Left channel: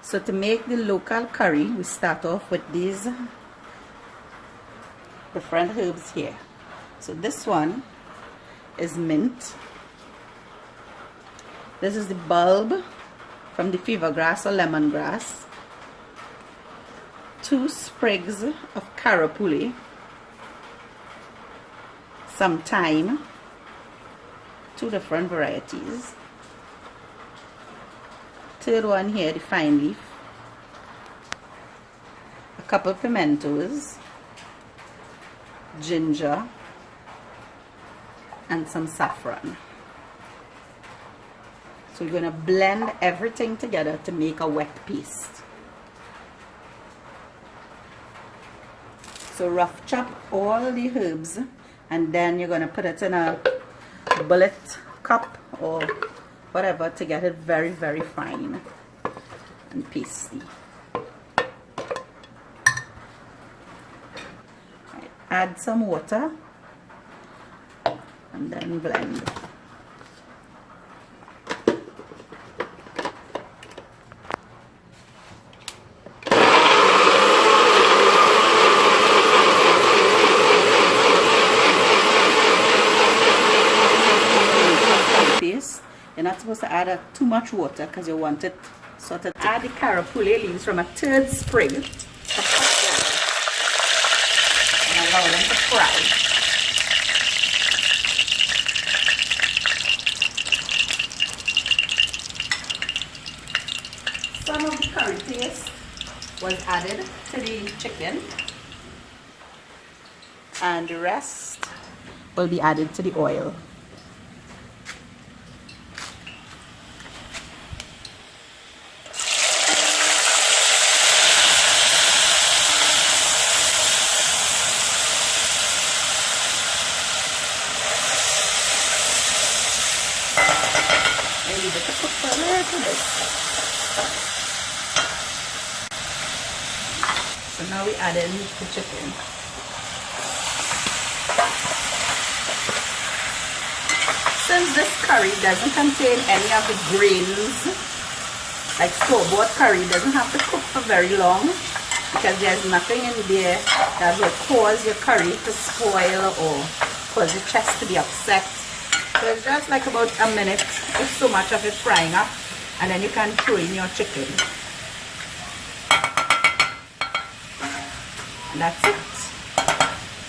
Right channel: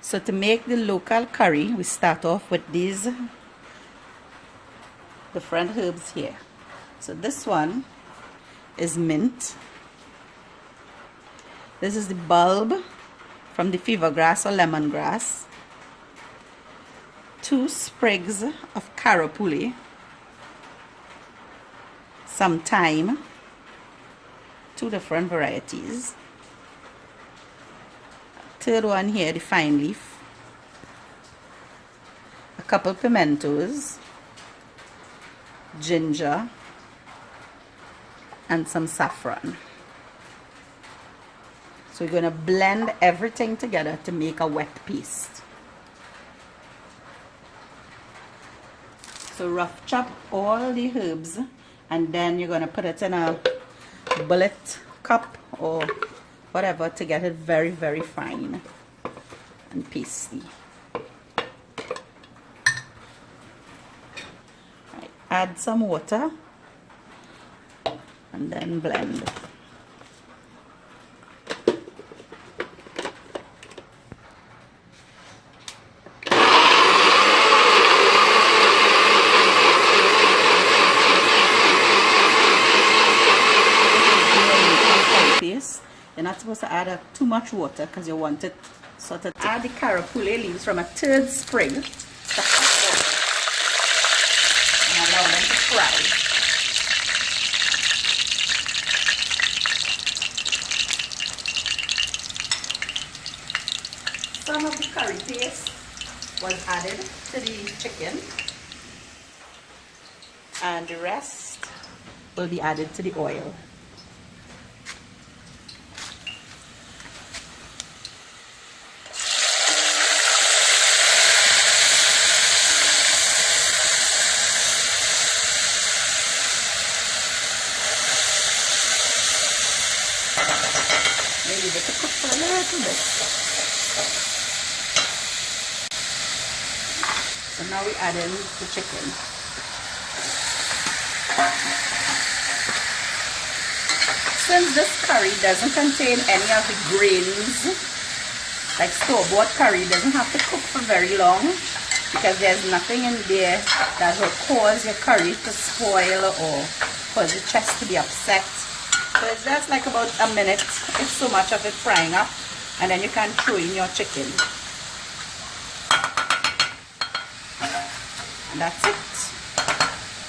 So to make the local curry, we start off with these different herbs here. So this one is mint. This is the bulb from the fever grass or lemongrass. 2 sprigs of carapele. Some thyme. 2 different varieties. Third one here, the fine leaf. A couple pimentoes. Ginger. And some saffron. So we're going to blend everything together to make a wet paste. So rough chop all the herbs, and then you're going to put it in a bullet cup or whatever to get it very, very fine and pasty. Right. Add some water and then blend. You're not supposed to add too much water because you want it sort of. Add the carapele leaves from a 3rd sprig and allow them to fry. Some of the curry paste was added to the chicken, and the rest will be added to the oil. Leave it to cook for a little bit. So now we add in the chicken. Since this curry doesn't contain any of the grains, like store-bought curry, doesn't have to cook for very long because there's nothing in there that will cause your curry to spoil or cause your chest to be upset. So it's just like about a minute, if so much of it frying up, and then you can throw in your chicken. And that's it.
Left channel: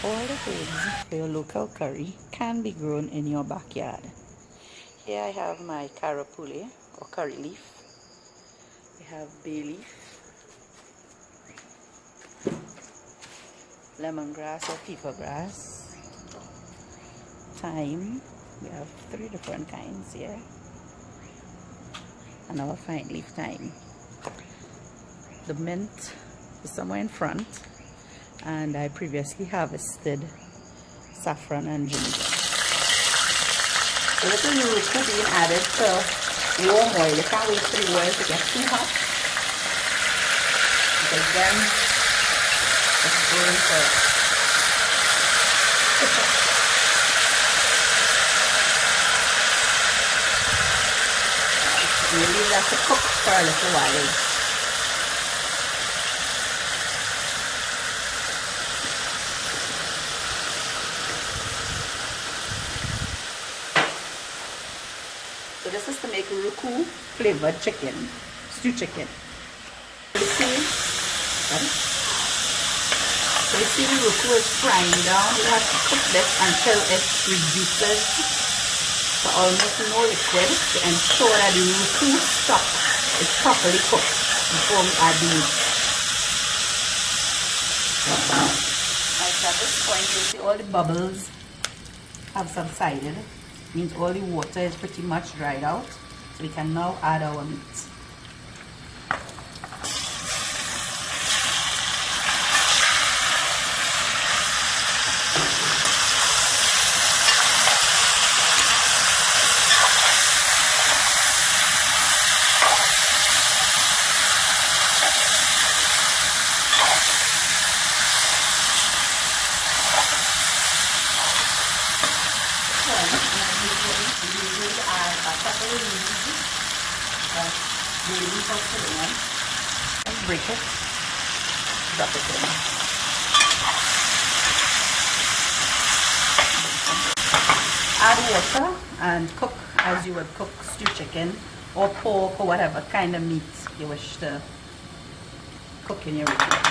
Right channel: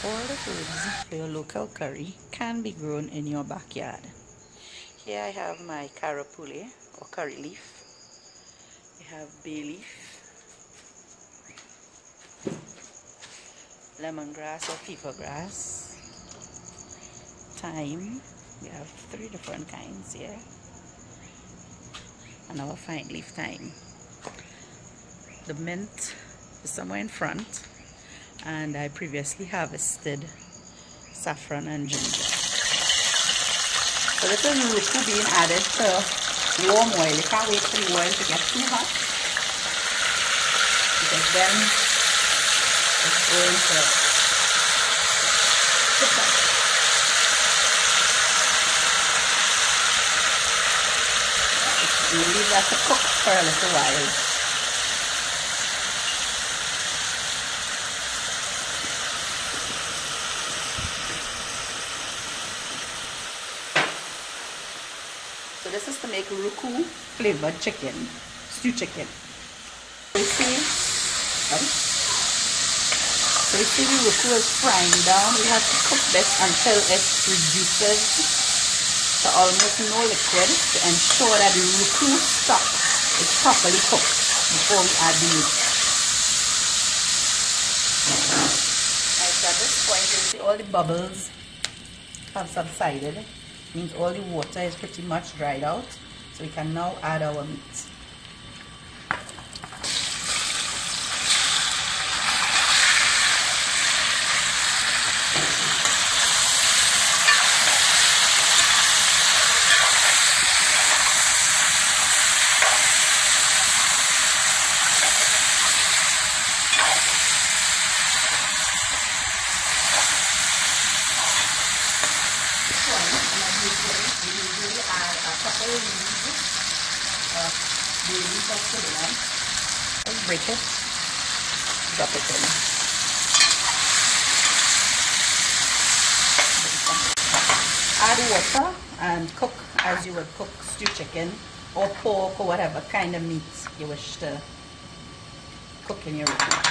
All the herbs for your local curry can be grown in your backyard. Here I have my carapele or curry leaf. We have bay leaf, lemongrass or fever grass, thyme. We have 3 different kinds here, and our fine leaf thyme. The mint is somewhere in front, and I previously harvested saffron and ginger. A little ruku being added to warm oil. You can't wait for the oil to get too hot, because then it's going to you leave that to cook for a little while. So this is to make ruku flavored chicken, stew chicken. So you see the ruku is frying down. We have to cook this until it reduces to almost no liquid to ensure that the ruku stock is properly cooked before we add the meat. Right, at this point you see all the bubbles have subsided. Means all the water is pretty much dried out, so we can now add our meat. Usually add a couple of leaves of cinnamon break it, drop it in. Add water and cook as you would cook stew chicken or pork or whatever kind of meat you wish to cook in your roti.